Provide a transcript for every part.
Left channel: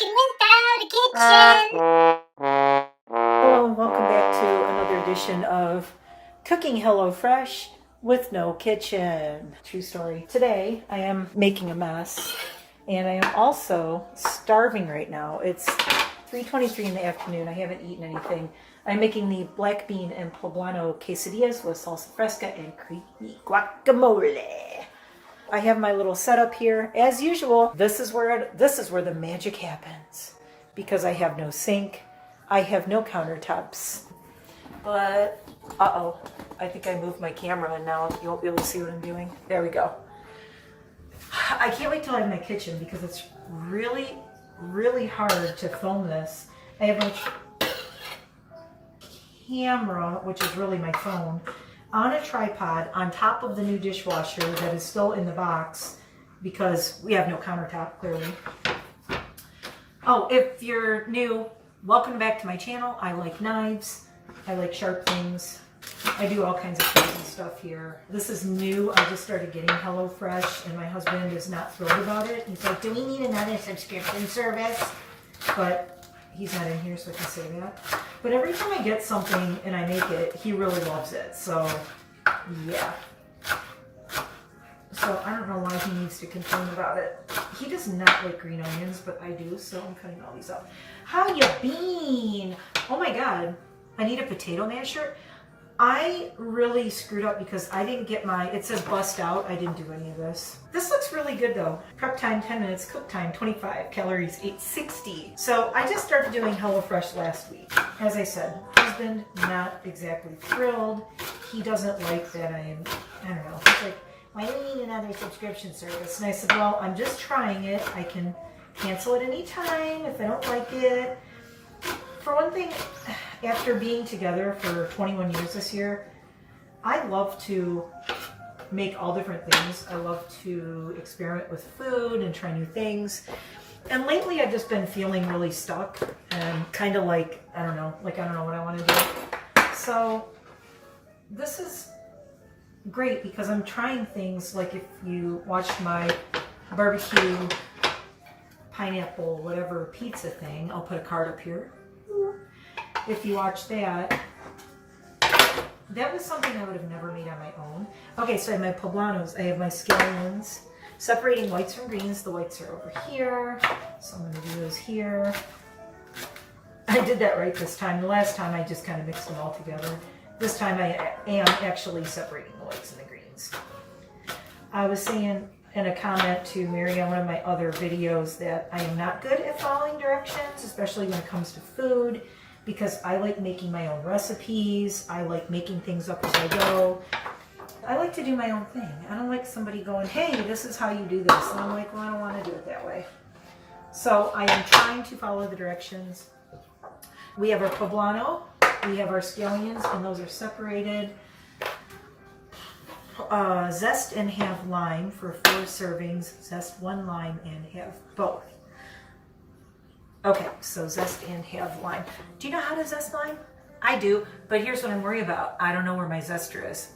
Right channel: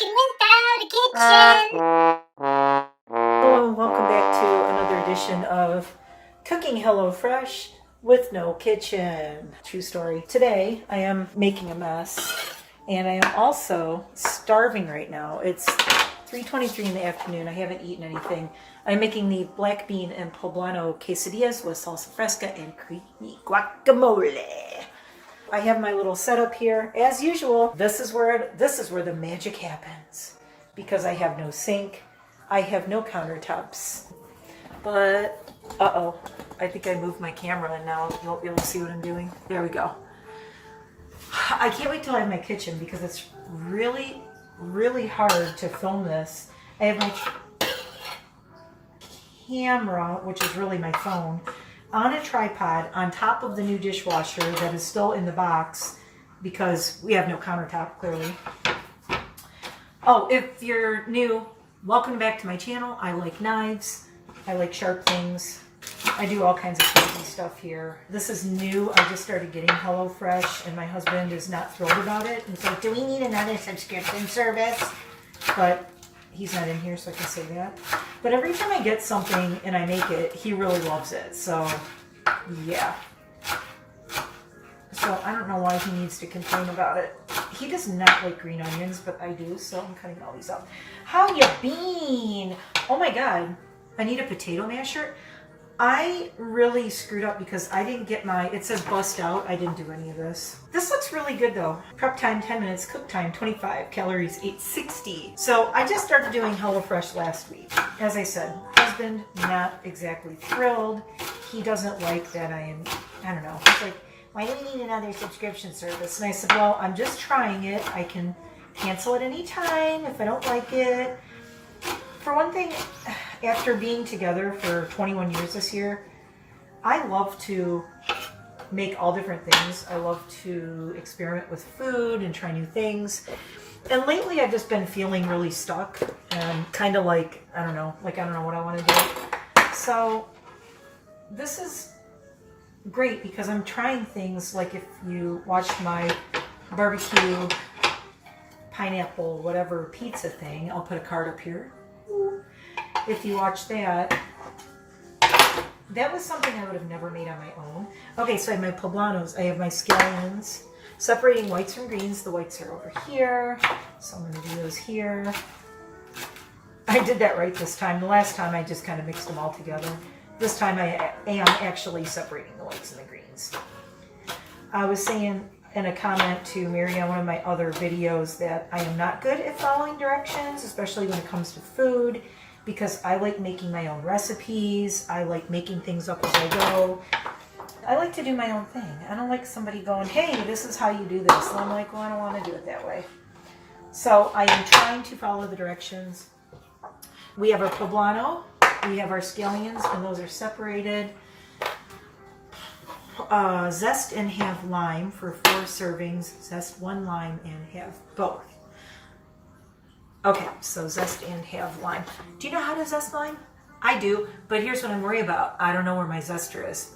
cooking without a kitchen. Hello and welcome back to another edition of Cooking Hello Fresh with no kitchen. True story. Today I am making a mess and I am also starving right now. It's 3:23 in the afternoon. I haven't eaten anything. I'm making the black bean and poblano quesadillas with salsa fresca and creamy guacamole. I have my little setup here. As usual, this is where the magic happens because I have no sink. I have no countertops. But, uh-oh, I think I moved my camera and now you'll be able to see what I'm doing. There we go. I can't wait till I have my kitchen because it's really, really hard to film this. I have my camera, which is really my phone, on a tripod on top of the new dishwasher that is still in the box because we have no countertop, clearly. Oh, if you're new, welcome back to my channel. I like knives. I like sharp things. I do all kinds of crazy stuff here. This is new. I just started getting HelloFresh and my husband is not thrilled about it. He's like, do we need another subscription service? But he's not in here, so I can say that. But every time I get something and I make it, he really loves it. So, yeah. So I don't know why he needs to complain about it. He does not like green onions, but I do, so I'm cutting all these up. How you been? Oh my God, I need a potato masher. I really screwed up because I didn't get it said bust out. I didn't do any of this. This looks really good though. Prep time 10 minutes, cook time 25, calories 860. So I just started doing HelloFresh last week. As I said, husband not exactly thrilled. He doesn't like that I don't know. He's like, why do we need another subscription service? And I said, well, I'm just trying it. I can cancel it anytime if I don't like it. For one thing, after being together for 21 years this year, I love to make all different things. I love to experiment with food and try new things. And lately I've just been feeling really stuck and kind of like, I don't know what I want to do. So this is great because I'm trying things like if you watched my barbecue pineapple whatever pizza thing, I'll put a card up here. If you watch that was something I would have never made on my own. Okay, so I have my poblanos, I have my scallions, separating whites from greens. The whites are over here, so I'm going to do those here. I did that right this time. The last time I just kind of mixed them all together. This time I am actually separating the whites and the greens. I was saying in a comment to Mary on one of my other videos that I am not good at following directions, especially when it comes to food, because I like making my own recipes. I like making things up as I go. I like to do my own thing. I don't like somebody going, hey, this is how you do this. And I'm like, well, I don't want to do it that way. So I am trying to follow the directions. We have our poblano, we have our scallions, and those are separated. Zest and have lime for 4 servings. Zest 1 lime and have both. Okay, so zest and have lime. Do you know how to zest lime? I do, but here's what I'm worried about. I don't know where my zester is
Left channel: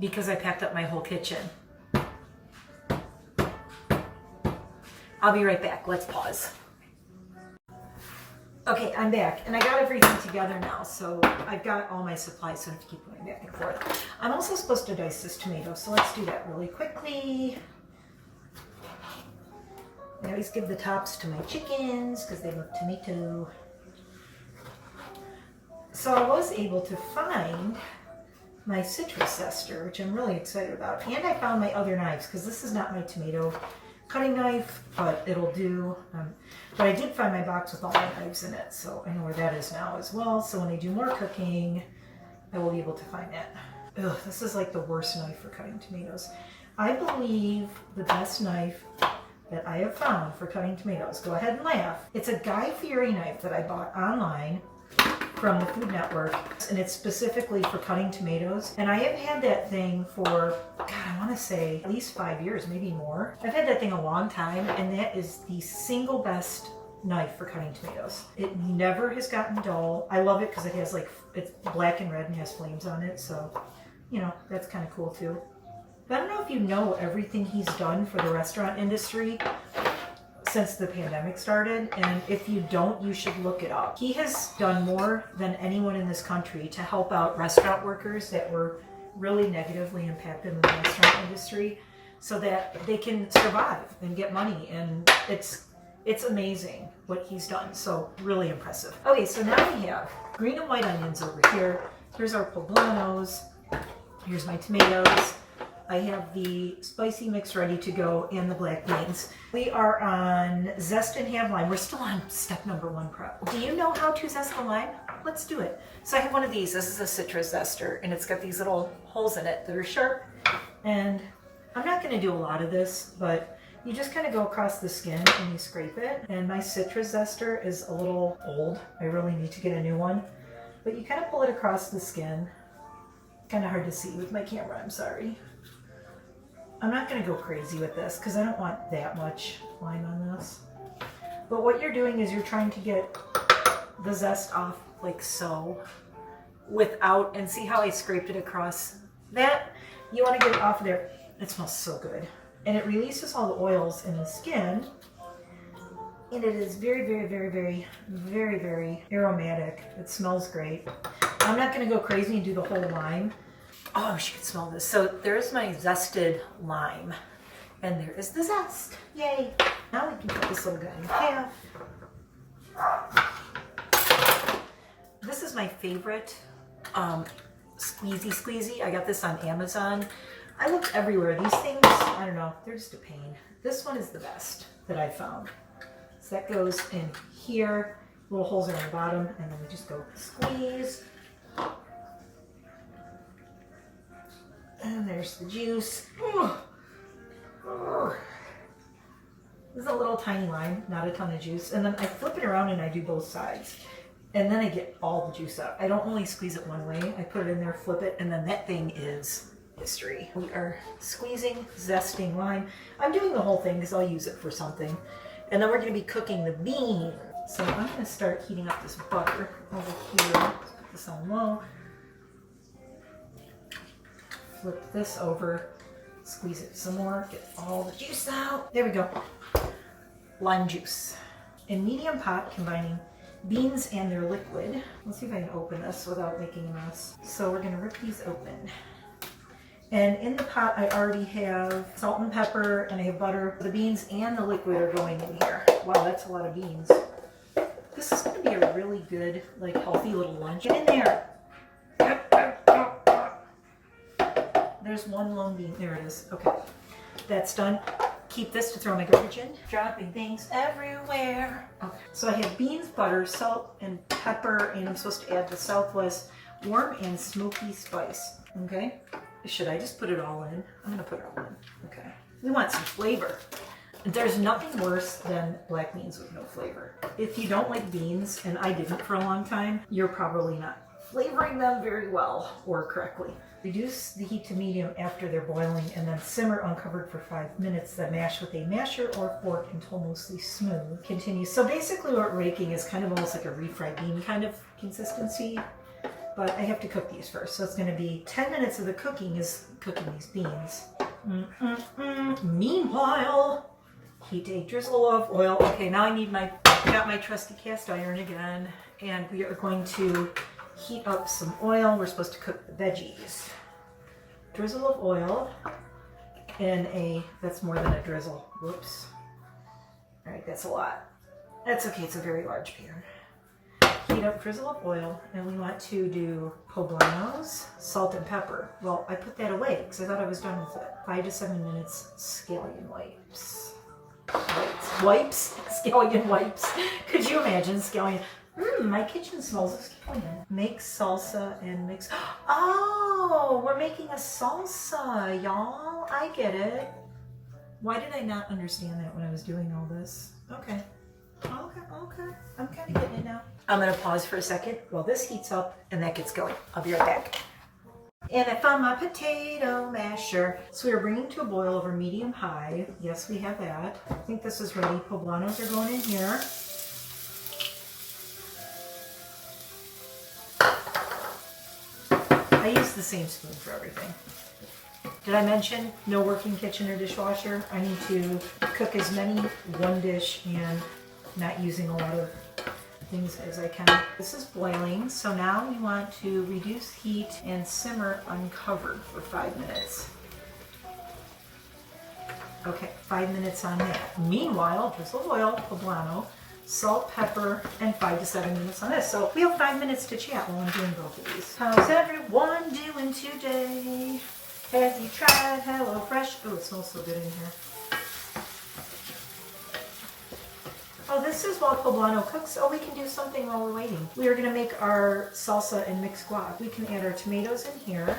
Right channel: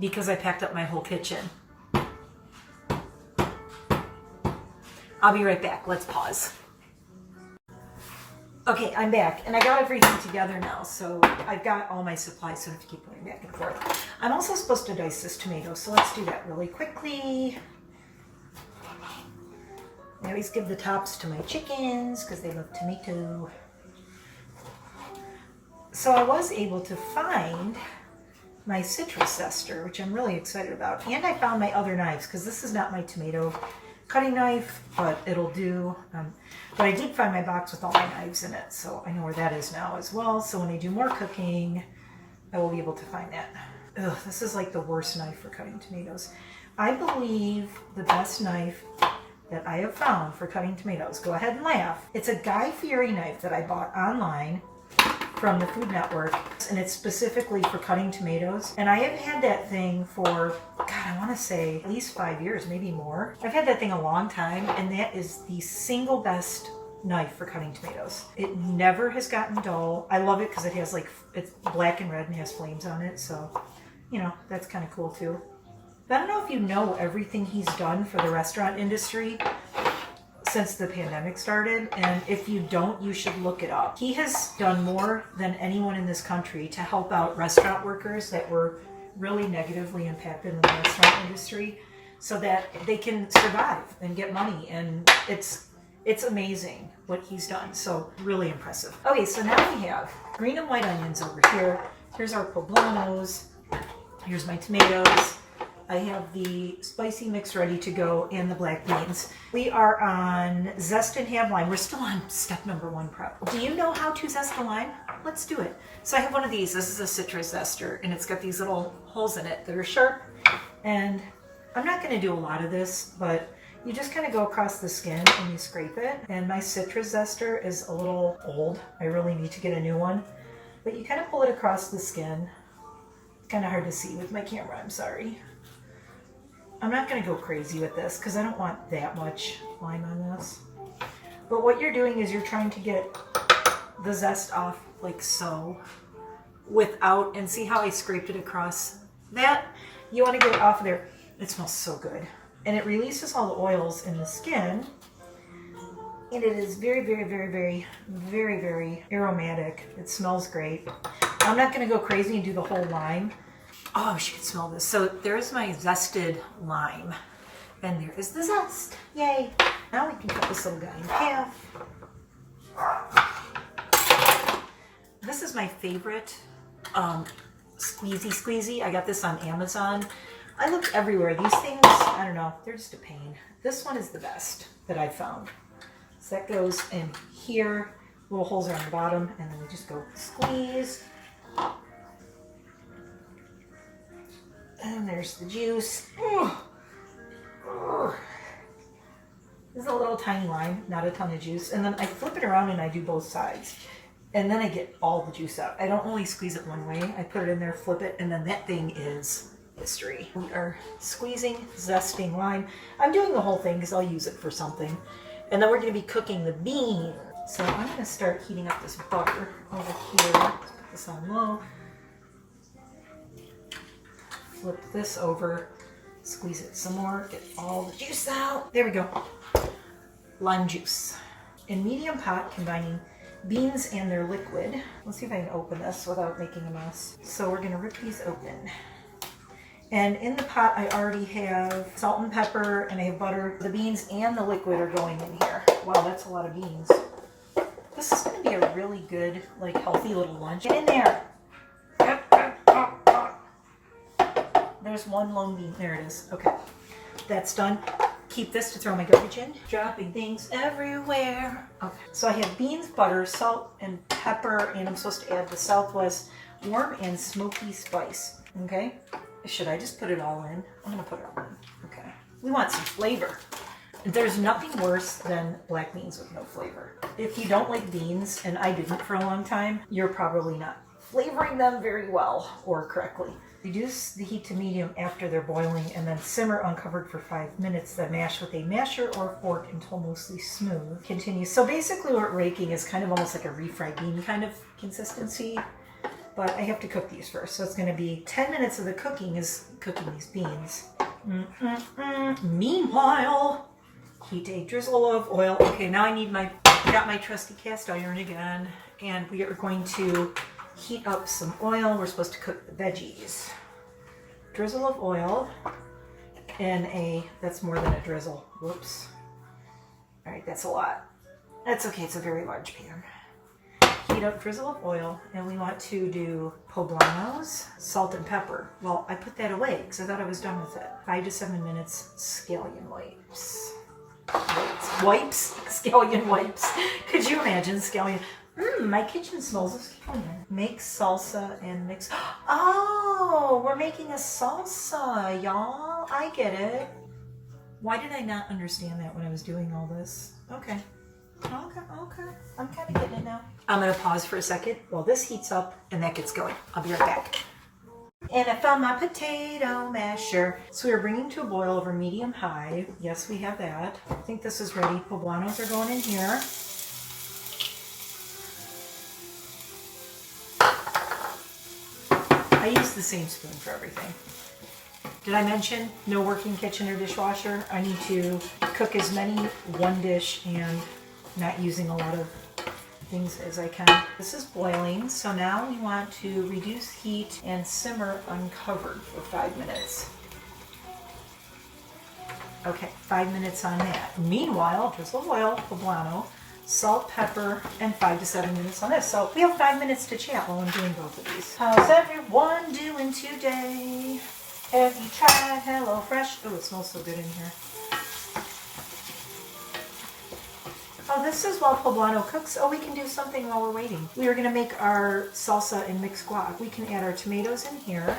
because I packed up my whole kitchen. I'll be right back. Let's pause. Okay, I'm back, and I got everything together now, so I've got all my supplies, so I have to keep going back and forth. I'm also supposed to dice this tomato, so let's do that really quickly. I always give the tops to my chickens because they love tomato. So I was able to find my citrus zester, which I'm really excited about, and I found my other knives because this is not my tomato cutting knife, but it'll do. But I did find my box with all my knives in it, so I know where that is now as well. So when I do more cooking, I will be able to find that. Ugh, this is like the worst knife for cutting tomatoes. I believe the best knife that I have found for cutting tomatoes, go ahead and laugh. It's a Guy Fieri knife that I bought online from the Food Network, and it's specifically for cutting tomatoes. And I have had that thing for, God, I want to say at least 5 years, maybe more. I've had that thing a long time, and that is the single best knife for cutting tomatoes. It never has gotten dull. I love it because it has it's black and red and has flames on it, so, you know, that's kind of cool too. But I don't know if you know everything he's done for the restaurant industry. since the pandemic started, and if you don't, you should look it up. He has done more than anyone in this country to help out restaurant workers that were really negatively impacted in the restaurant industry so that they can survive and get money, and it's amazing what he's done. So really impressive. Okay, so now we have green and white onions over here. Here's our poblanos. Here's my tomatoes. I have the spicy mix ready to go and the black beans. We are on zest and have lime. We're still on step number 1 prep. Do you know how to zest a lime? Let's do it. So I have one of these. This is a citrus zester, and it's got these little holes in it that are sharp. And I'm not going to do a lot of this, but you just kind of go across the skin and you scrape it. And my citrus zester is a little old. I really need to get a new one. But you kind of pull it across the skin. Kind of hard to see with my camera, I'm sorry. I'm not going to go crazy with this because I don't want that much lime on this. But what you're doing is you're trying to get the zest off like so without, and see how I scraped it across that? You want to get it off of there. It smells so good. And it releases all the oils in the skin. And it is very, very, very, very, very, very aromatic. It smells great. I'm not going to go crazy and do the whole lime. Oh, she can smell this. So there's my zested lime. And there is the zest. Yay. Now we can cut this little guy in half. This is my favorite squeezy. I got this on Amazon. I looked everywhere. These things, I don't know, they're just a pain. This one is the best that I found. So that goes in here. Little holes are on the bottom, and then we just go squeeze. And there's the juice. This is a little tiny lime, not a ton of juice. And then I flip it around and I do both sides. And then I get all the juice out. I don't only squeeze it one way. I put it in there, flip it, and then that thing is history. We are squeezing, zesting lime. I'm doing the whole thing because I'll use it for something. And then we're going to be cooking the beans. So I'm going to start heating up this butter over here. Let's put this on low. Flip this over, squeeze it some more, get all the juice out. There we go. Lime juice. In medium pot, combining beans and their liquid. Let's see if I can open this without making a mess. So we're going to rip these open. And in the pot, I already have salt and pepper, and I have butter. The beans and the liquid are going in here. Wow, that's a lot of beans. This is going to be a really good, like, healthy little lunch. Get in there. There's one lone bean. There it is. Okay. That's done. Keep this to throw my garbage in. Dropping things everywhere. Okay. So I have beans, butter, salt, and pepper, and I'm supposed to add the Southwest warm and smoky spice. Okay. Should I just put it all in? I'm going to put it all in. Okay. We want some flavor. There's nothing worse than black beans with no flavor. If you don't like beans, and I didn't for a long time, you're probably not flavoring them very well or correctly. Reduce the heat to medium after they're boiling, and then simmer uncovered for 5 minutes. Then mash with a masher or fork until mostly smooth. Continue. So basically what raking is kind of almost like a refried bean kind of consistency, but I have to cook these first. So it's going to be 10 minutes of the cooking is cooking these beans. Meanwhile, heat a drizzle of oil. Okay, now I need got my trusty cast iron again, and we are going to heat up some oil. We're supposed to cook the veggies. Drizzle of oil in that's more than a drizzle. Whoops. All right, that's a lot. That's okay, it's a very large pan. Heat up drizzle of oil, and we want to do poblanos, salt and pepper. Well, I put that away because I thought I was done with it. 5 to 7 minutes, scallion wipes. Wipes? Scallion wipes. Could you imagine scallion? My kitchen smells of scallion. Make salsa and mix. Oh, we're making a salsa, y'all. I get it. Why did I not understand that when I was doing all this? Okay. I'm kind of getting it now. I'm going to pause for a second while this heats up and that gets going. I'll be right back. And I found my potato masher. So we are bringing to a boil over medium-high. Yes, we have that. I think this is ready. Poblanos are going in here. I use the same spoon for everything. Did I mention no working kitchen or dishwasher? I need to cook as many one dish and not using a lot of things as I can. This is boiling, so now we want to reduce heat and simmer uncovered for 5 minutes. Okay, 5 minutes on that. Meanwhile, drizzle oil, poblano, salt, pepper, and 5 to 7 minutes on this. So we have 5 minutes to chat while I'm doing both of these. How's everyone doing today? Have you tried HelloFresh? Oh, it smells so good in here. Oh, this is while Poblano cooks. Oh, we can do something while we're waiting. We are going to make our salsa and mixed guac. We can add our tomatoes in here,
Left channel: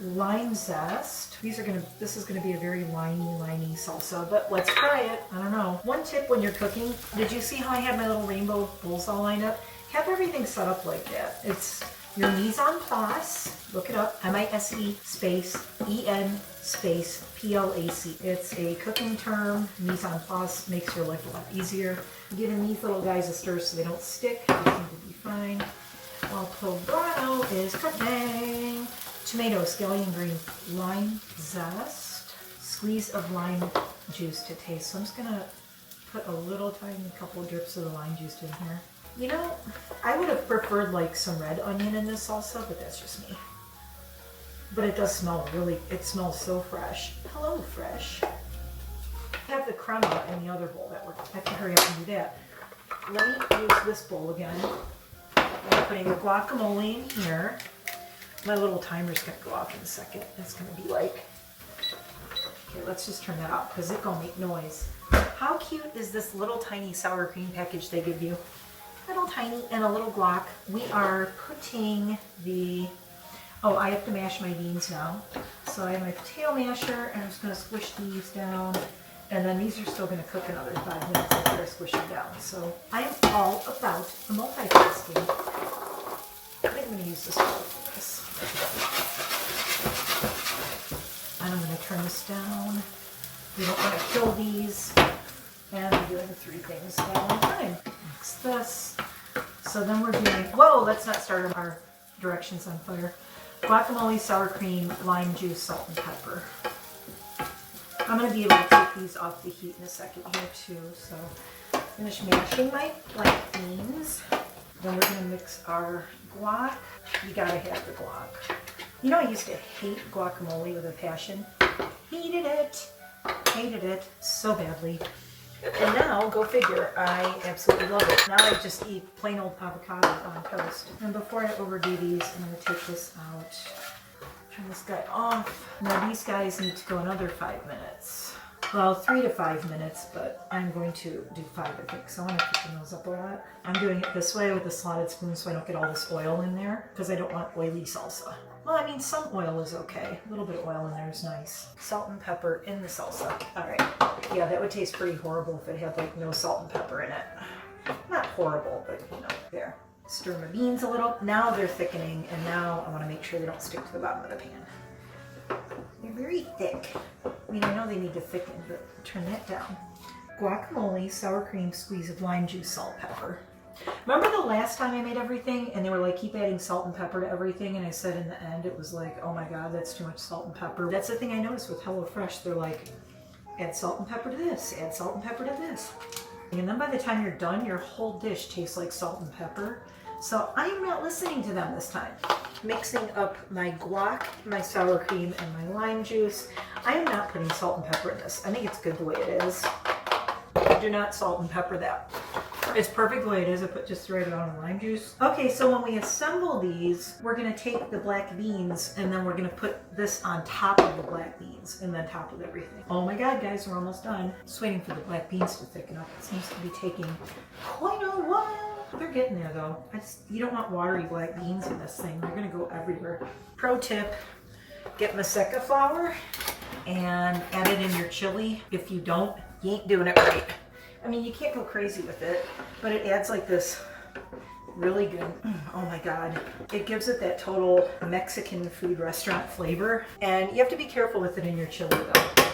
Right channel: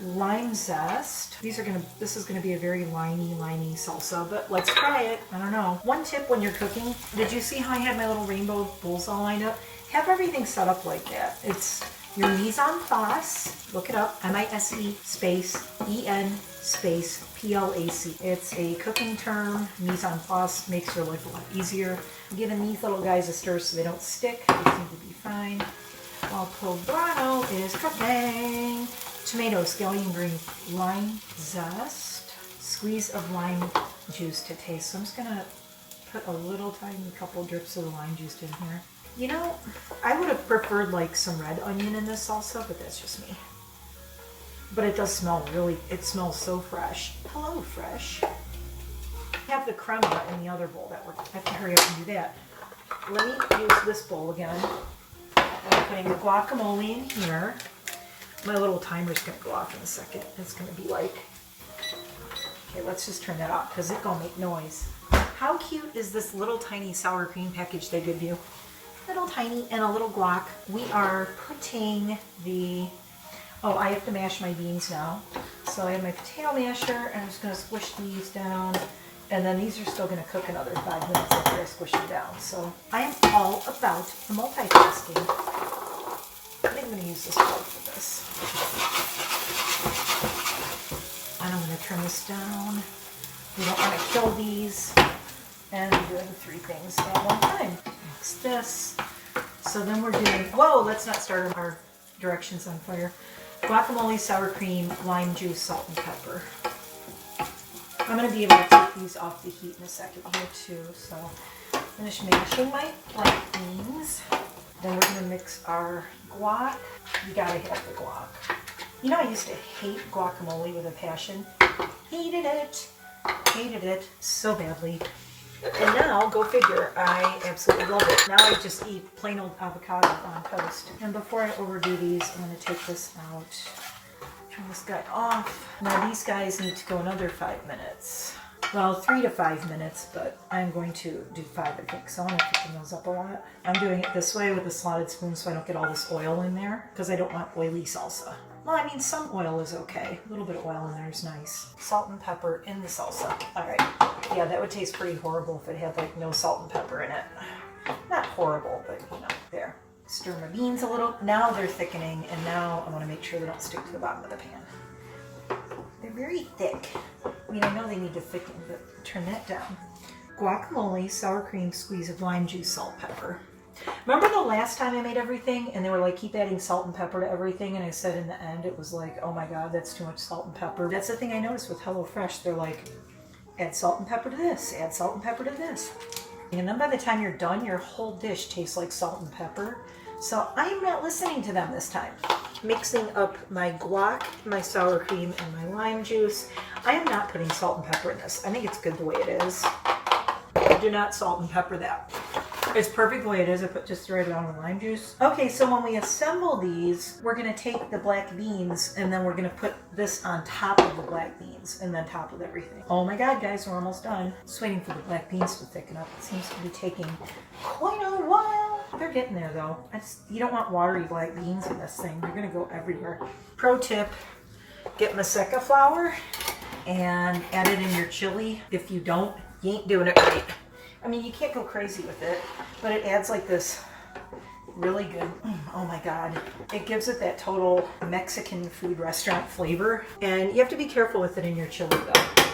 lime zest. This is going to be a very limey salsa, but let's try it. I don't know. One tip when you're cooking, did you see how I had my little rainbow bowls all lined up? Have everything set up like that. It's your mise en place. Look it up. M-I-S-E space E-N space P-L-A-C. It's a cooking term. Mise en place makes your life a lot easier. I'm giving these little guys a stir so they don't stick. They seem to be fine. While Poblano is cooking. Tomatoes, scallion green, lime zest, squeeze of lime juice to taste. So I'm just gonna put a little tiny couple drips of the lime juice in here. You know, I would have preferred like some red onion in this salsa, but that's just me. But it does smell it smells so fresh. Hello, fresh. I have the crema in the other bowl I have to hurry up and do that. Let me use this bowl again. I'm putting the guacamole in here. My little timer's gonna go off in a second. It's gonna be like, okay, let's just turn that off because it's gonna make noise. How cute is this little tiny sour cream package they give you? Little tiny and a little guac. We are putting I have to mash my beans now. So I have my potato masher and I'm just gonna squish these down. And then these are still gonna cook another 5 minutes after I squish them down. So I am all about the multitasking. I think I'm gonna use this bowl for this. And I'm going to turn this down. We don't want to kill these. And we're doing 3 things at one time. Mix this. So then we're doing, whoa, let's not start our directions on fire. Guacamole, sour cream, lime juice, salt, and pepper. I'm going to be able to take these off the heat in a second here too. So finish mashing my black beans. Then we're going to mix our guac. You got to have the guac. You know, I used to hate guacamole with a passion. Hated it so badly. And now, go figure, I absolutely love it. Now I just eat plain old avocado on toast. And before I overdo these, I'm going to take this out. Turn this guy off. Now these guys need to go another 5 minutes. Well, 3 to 5 minutes, but I'm going to do 5, I think, so I want to thicken those up a lot. I'm doing it this way with a slotted spoon so I don't get all this oil in there, because I don't want oily salsa. Well, I mean, some oil is okay. A little bit of oil in there is nice. Salt and pepper in the salsa. All right. Yeah, that would taste pretty horrible if it had, like, no salt and pepper in it. Not horrible, but, you know, there. Stir my beans a little. Now they're thickening, and now I want to make sure they don't stick to the bottom of the pan. They're very thick. I mean, I know they need to thicken, but turn that down. Guacamole, sour cream, squeeze of lime juice, salt, pepper. Remember the last time I made everything and they were like, keep adding salt and pepper to everything, and I said in the end it was like, oh my god, that's too much salt and pepper. That's the thing I noticed with HelloFresh. They're like, add salt and pepper to this, add salt and pepper to this. And then by the time you're done, your whole dish tastes like salt and pepper. So I am not listening to them this time. Mixing up my guac, my sour cream, and my lime juice. I am not putting salt and pepper in this. I think it's good the way it is. Do not salt and pepper that. It's perfect the way it is. I put just the right amount of lime juice. Okay, so when we assemble these, we're going to take the black beans and then we're going to put this on top of the black beans and then top of everything. Oh my god, guys, we're almost done. Just waiting for the black beans to thicken up. It seems to be taking quite a while. They're getting there though. You don't want watery black beans in this thing. They're going to go everywhere. Pro tip, get Maseca flour and add it in your chili. If you don't, you ain't doing it right. I mean, you can't go crazy with it, but it adds like this really good, oh my god. It gives it that total Mexican food restaurant flavor. And you have to be careful with it in your chili though.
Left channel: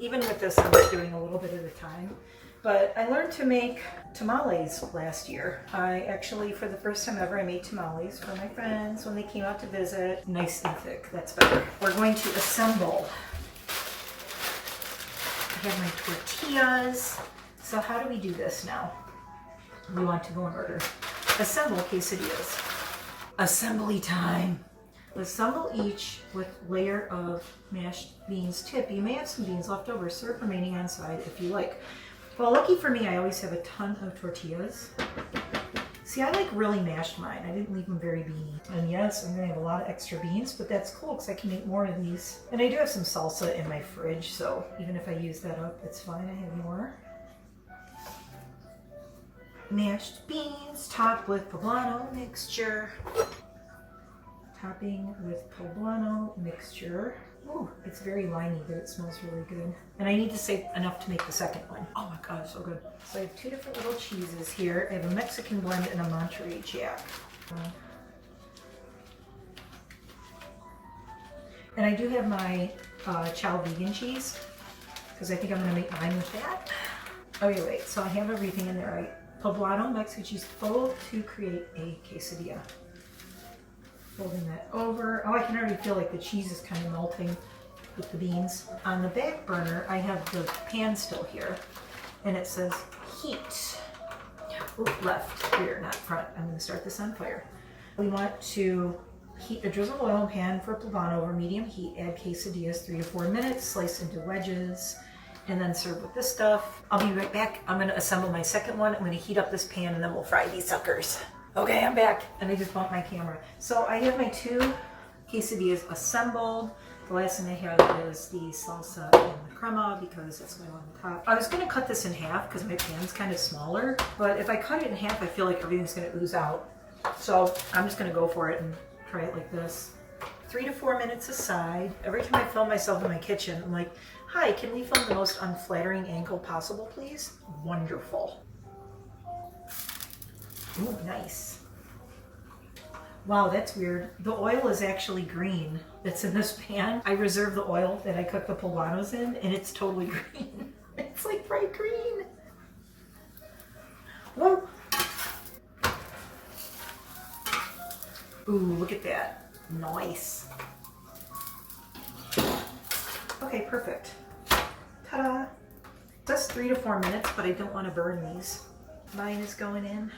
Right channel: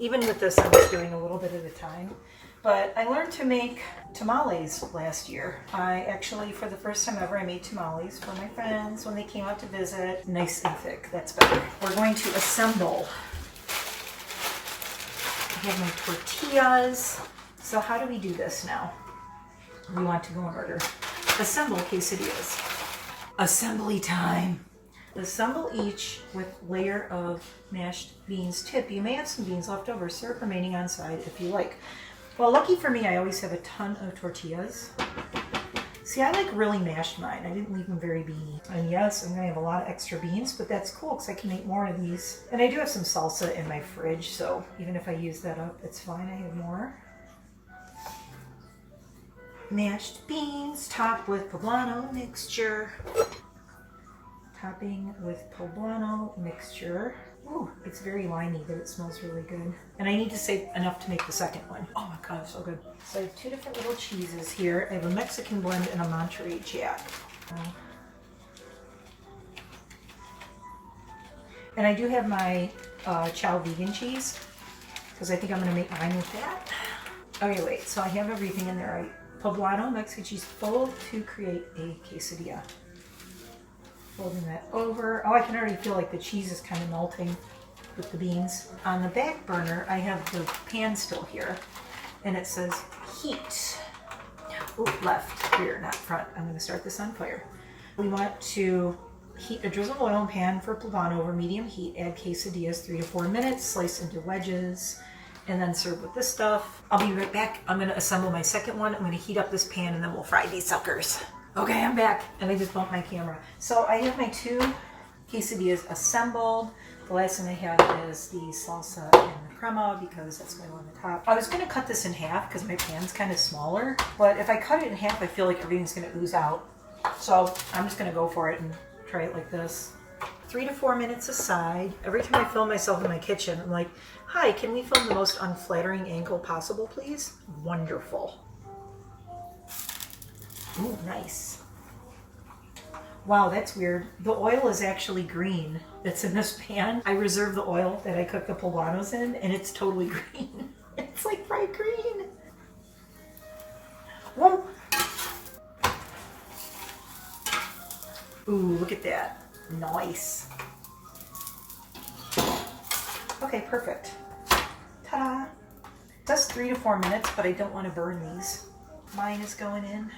Even with this, I'm just doing a little bit at a time. But I learned to make tamales last year. I actually, for the first time ever, I made tamales for my friends when they came out to visit. Nice and thick, that's better. We're going to assemble. I have my tortillas. So how do we do this now? We want to go in order. Assemble quesadillas. Assembly time. Assemble each with layer of mashed beans. Tip, you may have some beans left over. Serve remaining on side if you like. Well, lucky for me, I always have a ton of tortillas. See, I like really mashed mine. I didn't leave them very beany. And yes, I'm gonna have a lot of extra beans, but that's cool because I can make more of these. And I do have some salsa in my fridge, so even if I use that up, it's fine. I have more. Mashed beans topped with poblano mixture. Topping with poblano mixture. Ooh, it's very limey, but it smells really good. And I need to save enough to make the second one. Oh my god, it's so good. So I have two different little cheeses here. I have a Mexican blend and a Monterey Jack. And I do have my Chow vegan cheese, because I think I'm gonna make mine with that. Oh yeah, wait, so I have everything in there, right? Poblano Mexican cheese full to create a quesadilla. Folding that over. Oh, I can already feel like the cheese is kind of melting with the beans. On the back burner, I have the pan still here, and it says heat. Ooh, left, rear, not front. I'm going to start this on fire. We want to heat a drizzle of oil in pan for poblano over medium heat. Add quesadillas 3 to 4 minutes. Slice into wedges, and then serve with this stuff. I'll be right back. I'm going to assemble my second one. I'm going to heat up this pan, and then we'll fry these suckers. Okay, I'm back. Let me just bump my camera. So I have my 2 quesadillas assembled. The last thing I have is the salsa and the crema because that's going on the top. I was going to cut this in half because my pan's kind of smaller, but if I cut it in half, I feel like everything's going to ooze out. So I'm just going to go for it and try it like this. 3 to 4 minutes aside. Every time I film myself in my kitchen, I'm like, hi, can we film the most unflattering angle possible, please? Wonderful. Ooh, nice. Wow, that's weird. The oil is actually green that's in this pan. I reserved the oil that I cooked the poblanos in, and it's totally green. It's like bright green. Whoa. Ooh, look at that. Nice. Okay, perfect. Ta-da. It says 3 to 4 minutes, but I don't want to burn these. Mine is going in.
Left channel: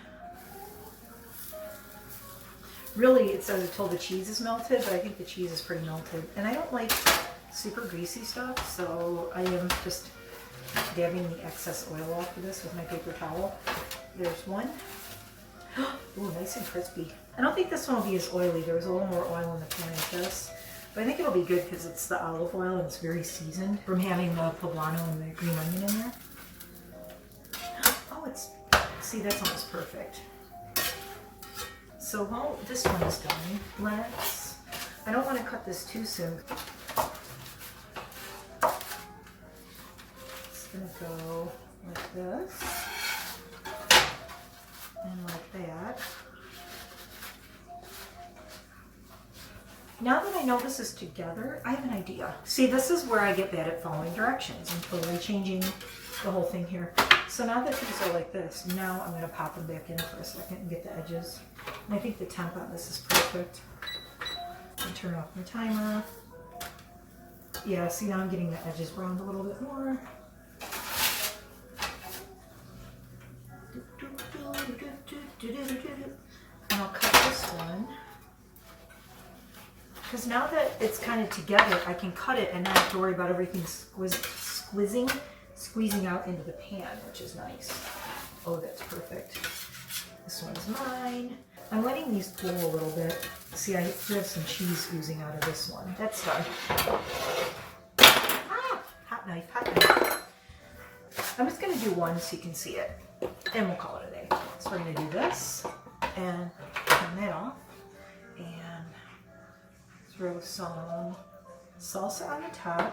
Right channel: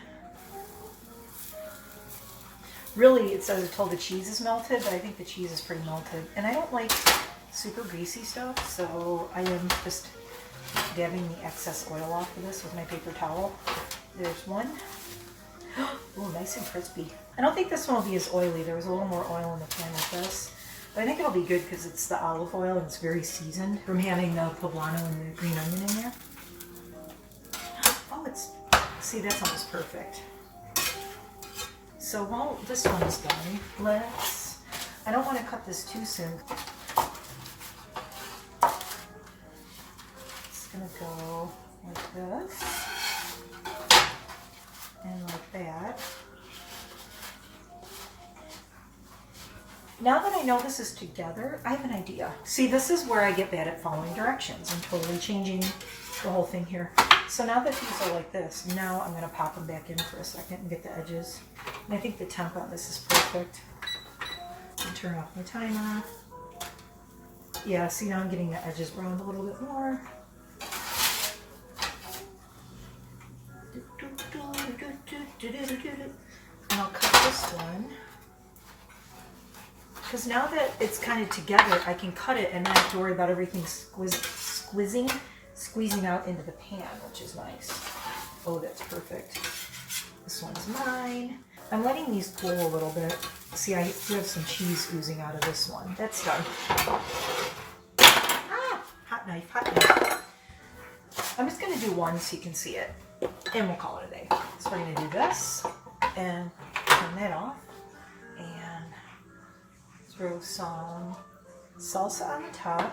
Really, it says until the cheese is melted, but I think the cheese is pretty melted. And I don't like super greasy stuff, so I am just dabbing the excess oil off of this with my paper towel. There's one. Ooh, nice and crispy. I don't think this one will be as oily. There was a little more oil in the pan with this. But I think it'll be good because it's the olive oil and it's very seasoned from having the poblano and the green onion in there. Oh, see, that's almost perfect. So while this one is done, I don't want to cut this too soon. It's gonna go like this and like that. Now that I know this is together, I have an idea. See, this is where I get bad at following directions. I'm totally changing the whole thing here. So now that these are like this, now I'm gonna pop them back in for a second and get the edges. And I think the temp on this is perfect. And turn off my timer. Yeah, see, now I'm getting the edges browned a little bit more. And I'll cut this one. Because now that it's kind of together, I can cut it and not have to worry about everything squeezing out into the pan, which is nice. Oh, that's perfect. This one's mine. I'm letting these cool a little bit. See, I do have some cheese oozing out of this one. That's done. Ah, hot knife, hot knife. I'm just gonna do one so you can see it, and we'll call it a day. So we're gonna do this, and turn that off, and throw some salsa on the top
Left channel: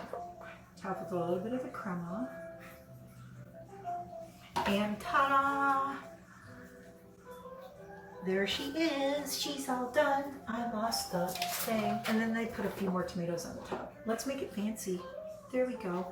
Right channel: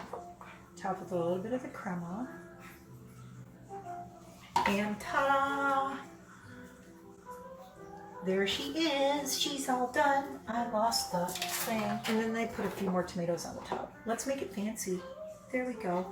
with a little bit of the crema. And ta-da! There she is. She's all done. I lost the thing. And then I put a few more tomatoes on the top. Let's make it fancy. There we go.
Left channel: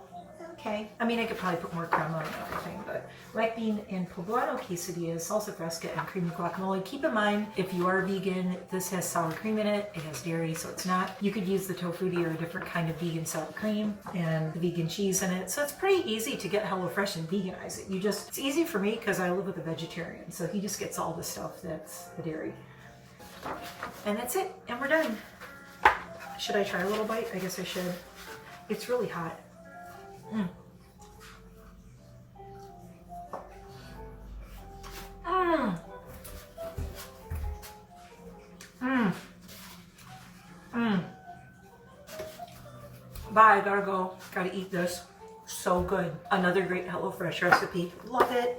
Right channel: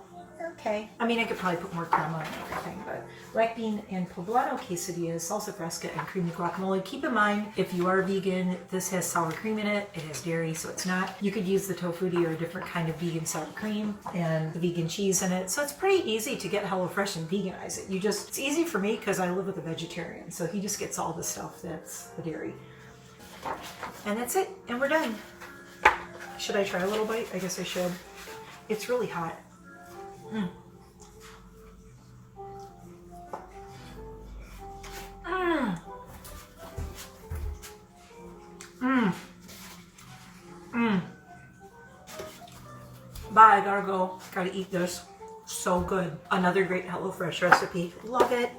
okay. I mean, I could probably put more crema and everything, but black bean and poblano quesadillas, salsa fresca, and creamy guacamole. Keep in mind, if you are vegan, this has sour cream in it. It has dairy, so it's not. You could use the tofutti or a different kind of vegan sour cream and the vegan cheese in it. So it's pretty easy to get HelloFresh and veganize it. It's easy for me because I live with a vegetarian, so he just gets all the stuff that's the dairy. And that's it, and we're done. Should I try a little bite? I guess I should. It's really hot. Mm. Mm. Mm. Mm. Bye, gotta go. Gotta eat this. So good. Another great HelloFresh recipe. Love it.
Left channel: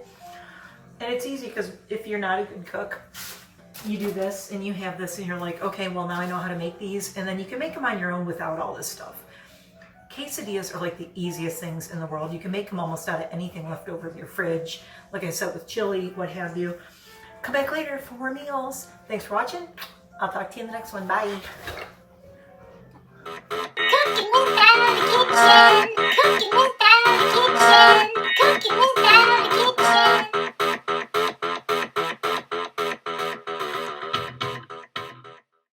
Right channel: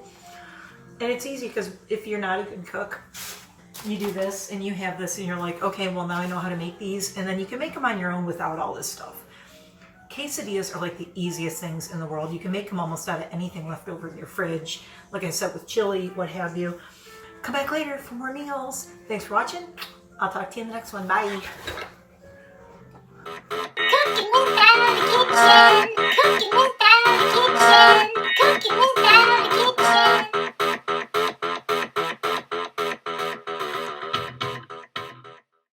And it's easy because if you're not a good cook, you do this and you have this and you're like, okay, well now I know how to make these, and then you can make them on your own without all this stuff. Quesadillas are like the easiest things in the world. You can make them almost out of anything left over in your fridge. Like I said, with chili, what have you. Come back later for more meals. Thanks for watching. I'll talk to you in the next one. Bye. Cooking inside the kitchen. Cooking inside the kitchen.